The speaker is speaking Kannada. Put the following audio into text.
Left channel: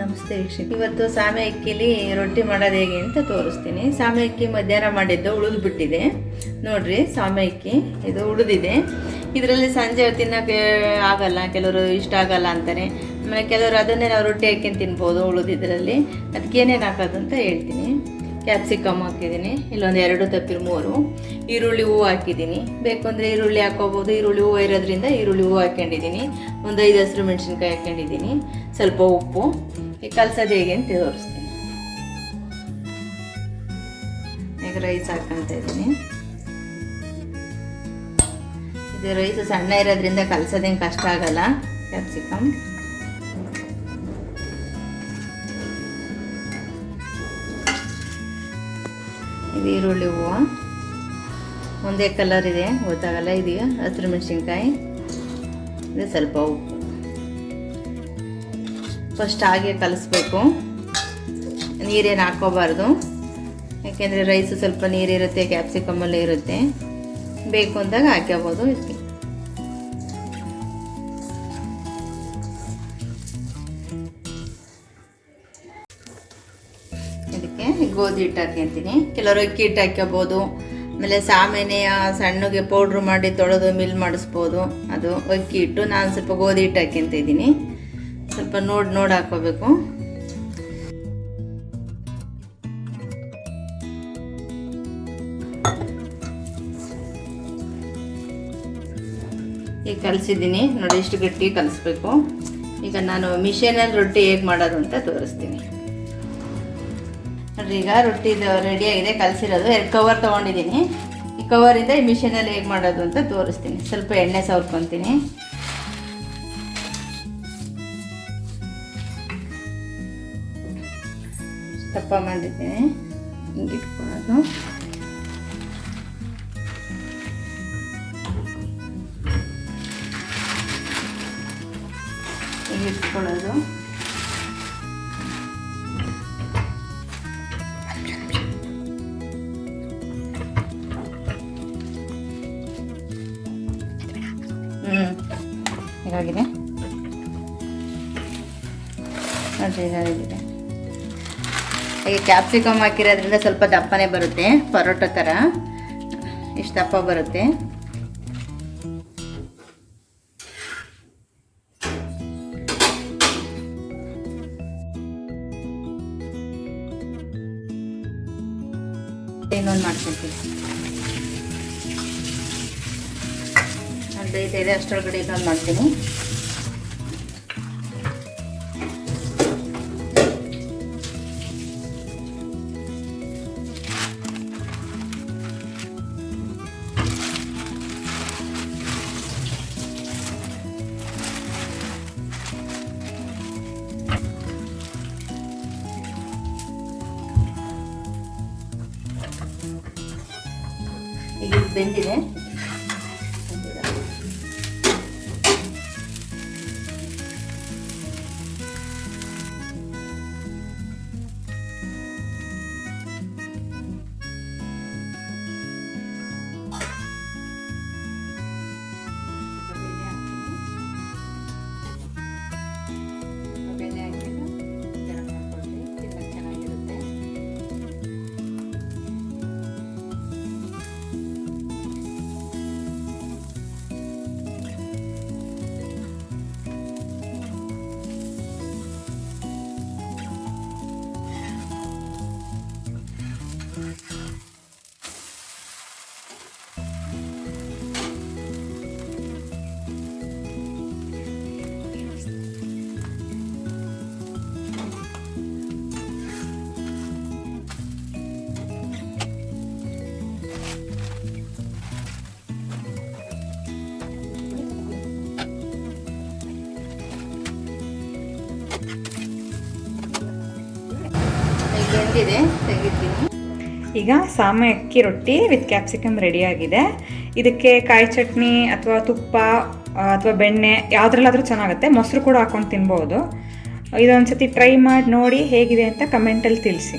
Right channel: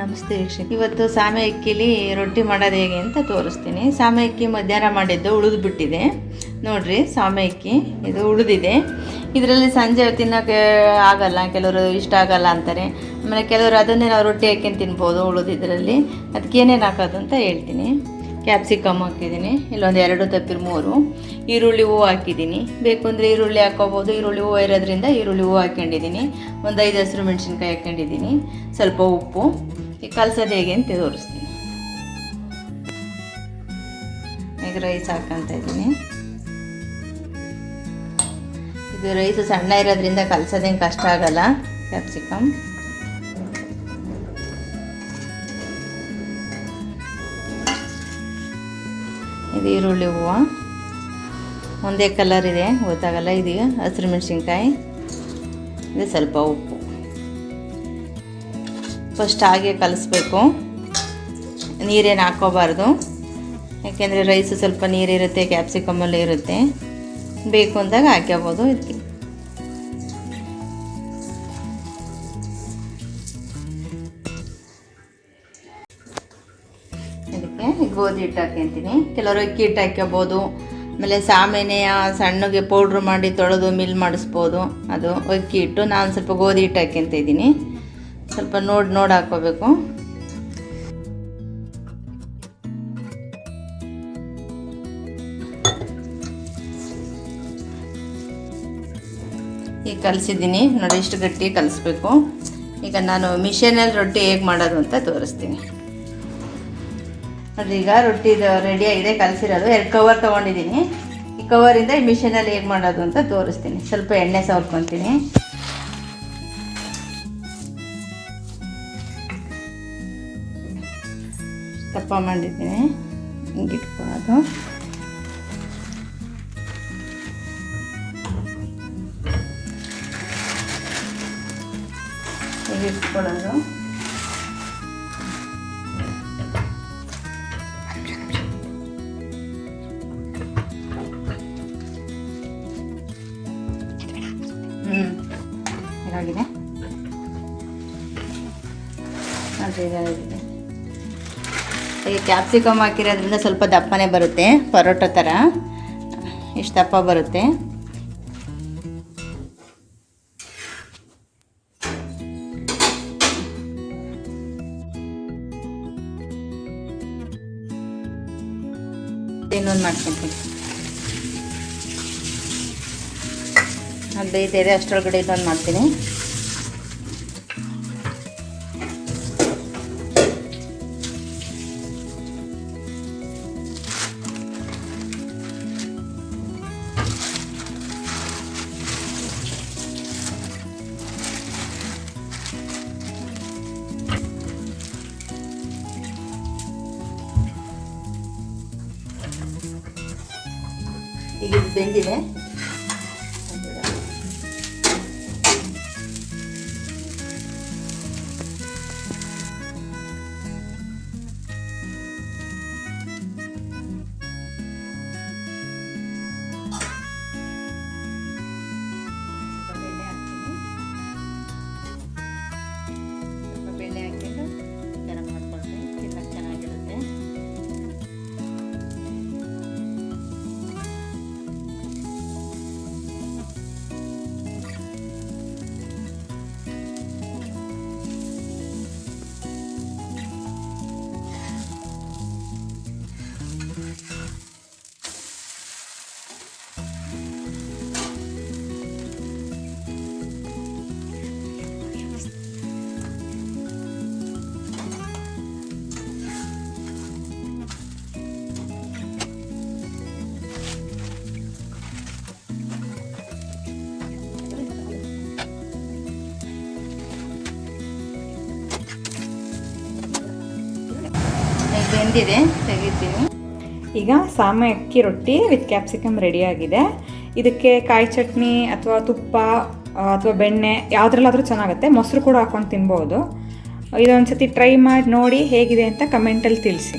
ನಮಸ್ತೆ ವೀಕ್ಷಕ. ಇವತ್ತು ಸಾಮೆ ಅಕ್ಕಿಲಿ ರೊಟ್ಟಿ ಮಾಡೋದು ಹೇಗೆ ಅಂತ ತೋರಿಸ್ತೀನಿ. ಸಾಮೆ ಅಕ್ಕಿ ಮಧ್ಯಾಹ್ನ ಮಾಡಿದ್ದು ಉಳಿದು ಬಿಟ್ಟಿದೆ ನೋಡ್ರಿ. ಸಾಮೆ ಅಕ್ಕಿ ಇದು ಉಳಿದಿದೆ. ಇದರಲ್ಲಿ ಸಂಜೆ ತಿನ್ನೋಕ್ಕೆ ಆಗಲ್ಲ, ಕೆಲವರು ಇಷ್ಟ ಆಗಲ್ಲ ಅಂತಾರೆ. ಆಮೇಲೆ ಕೆಲವರು ಅದನ್ನೇ ನಾವು ರೊಟ್ಟಿ ಹಾಕ್ಕೊಂಡು ತಿನ್ಬೋದು ಉಳಿದಿದ್ರಲ್ಲಿ. ಅದಕ್ಕೆ ಏನೇನು ಹಾಕೋದು ಅಂತ ಹೇಳ್ತೀನಿ. ಕ್ಯಾಪ್ಸಿಕಮ್ ಹಾಕಿದ್ದೀನಿ, ಇಲ್ಲೊಂದು 2 ತಪ್ಪಿರು 3 ಈರುಳ್ಳಿ ಹೂವು ಹಾಕಿದ್ದೀನಿ. ಬೇಕು ಅಂದರೆ ಈರುಳ್ಳಿ ಹಾಕೋಬೋದು. ಈರುಳ್ಳಿ ಹೂವು ಇರೋದ್ರಿಂದ ಈರುಳ್ಳಿ ಹೂವು ಹಾಕ್ಕೊಂಡಿದ್ದೀನಿ. ಒಂದು 5 ಹಸಿರು ಮೆಣಸಿನ್ಕಾಯಿ ಹಾಕ್ಕೊಂಡಿದ್ದೀನಿ. ಸ್ವಲ್ಪ ಉಪ್ಪು. ಈಗ ಕಲಸೋದು ಹೇಗೆ ಅಂತ ತೋರಿಸ್ತೀನಿ. ಈಗ ರೈಸ್ ಹಾಕ್ಕೊಳ್ತಾ ಇದ್ದೀನಿ. ಇದು ರೈಸು ಸಣ್ಣ ಇರೋದ್ರಿಂದ ಕಲಸೋದೇನು ಕಷ್ಟ ಆಗಲ್ಲ. ಕ್ಯಾಪ್ಸಿಕಮ್, ಇದು ಈರುಳ್ಳಿ ಹೂವು ಒಂದೇ ಕಲರ್ ಇದೆ ಗೊತ್ತಾಗಲ್ಲ. ಇದು ಹಸಿರು ಮೆಣಸಿನ್ಕಾಯಿ, ಇದು ಸ್ವಲ್ಪ ಉಪ್ಪು. ಫಸ್ಟ್ ಹಾಗೆ ಕಲಿಸ್ಬೇಕು, ನೀರೇನು ಹಾಕೋಬಾರ್ದು. ಯಾಕೆಂದರೆ ರೈಸು ಸ್ವಲ್ಪ ನೀರಿರುತ್ತೆ, ಕ್ಯಾಪ್ಸಿಕಮಲ್ಲೇ ಇರುತ್ತೆ. ಬೇಕು ಅಂದಾಗ ಹಾಕ್ಕೋಬೋದು. ಇದಕ್ಕೆ ಗೋಧಿ ಹಿಟ್ಟು ಹಾಕ್ಕೊಂತೀನಿ. ಕೆಲವರು ಅಕ್ಕಿ ಹಿಟ್ಟು ಹಾಕ್ಕೋಬೋದು. ಆಮೇಲೆ ಸಾಮೆನೆಯ ಸಣ್ಣಗೆ ಪೌಡ್ರ್ ಮಾಡಿ ತೊಳೆದು ಮಿಲ್ ಮಾಡಿಸ್ಬೋದು. ಅದು ಅಕ್ಕಿ ಹಿಟ್ಟು. ನಾನು ಸ್ವಲ್ಪ ಗೋಧಿ ಹಿಟ್ಟು ಹಾಕ್ಕೊಂತ ಇದ್ದೀನಿ. ಸ್ವಲ್ಪ ನೋಡಿ ಹಾಕ್ಕೋಬೇಕು. ಈಗ ಕಲಿಸಿದ್ದೀನಿ ನೋಡಿ, ಇಷ್ಟು ಗಟ್ಟಿ ಕಲಿಸ್ಬೇಕು. ಈಗ ನಾನು ಮಿಷನಲ್ಲಿ ರೊಟ್ಟಿ ಹೇಗೆ ಮಾಡೋದು ಅಂತ ತೋರಿಸ್ತೀನಿ ನೋಡಿ. ಈಗ ರೊಟ್ಟಿ ರೆಡಿಯಾಗಿದೆ, ಕಲಸಿರೋದು. 2 ಕವರ್ ತೊಗೊಂಡಿದ್ದೀನಿ. ಈ ಕವರಿಂದ ಈ ಮಿಷನಲ್ಲಿ ಹೇಗೆ ಮಾಡೋದು ಅಂತ ತೋರಿಸ್ತೀನಿ. ಸ್ವಲ್ಪ ಎಣ್ಣೆ ಸವರ್ಕೊತೀನಿ. ದಪ್ಪ ಮಾಡಿದ್ದೀನಿ, ಹಿಂಗೆ ಇಟ್ಕೊಳ್ಳೋದು. ಹಿಂಗೆ ಇಟ್ಕೊಳ್ಳೋದು. ಇದಾಗಿದೆ ನೋಡಿ, ಇದಾಗಿದೆ. ಈಗ ಕ್ಯಾಪ್ಸಿಕಮ್ ಹಾಕಿರೋದ್ರಿಂದ ಸ್ವಲ್ಪ ದಪ್ಪನೇ ಬರುತ್ತೆ, ಪರೋಟ ಥರ ಇಷ್ಟು ದಪ್ಪ ಬರುತ್ತೆ. ಇನ್ನೊಂದು ಮಾಡ್ಕೊಳ್ತೀನಿ. 15 ಅಷ್ಟರೊಳಗಡೆ ಇದೊಂದು ಮಾಡ್ತೀನಿ. ಈಗ ಇದು ಬೆಂದಿದೆ. ತೆಗಿತೀನಿ. ಈಗ ಸಾಮೆ ಅಕ್ಕಿ ರೊಟ್ಟಿ ವಿತ್ ಕ್ಯಾಪ್ಸಿಕಮ್ ರೆಡಿಯಾಗಿದೆ. ಇದಕ್ಕೆ ಕಾಯಿ ಚಟ್ನಿ ಅಥವಾ ತುಪ್ಪ ಅಥವಾ ಬೆಣ್ಣೆ ಯಾವುದ್ರಲ್ಲಾದರೂ ಚೆನ್ನಾಗುತ್ತೆ. ಮೊಸರು ಕೂಡ ಹಾಕ್ಕೊಂಡು ತಿನ್ಬೋದು. ಇದೊಂದು ಸತಿ ಟ್ರೈ ಮಾಡಿ ನೋಡಿ ಹೇಗಿದೆ ಅಂತ ಕಮೆಂಟಲ್ಲಿ ತಿಳಿಸಿ.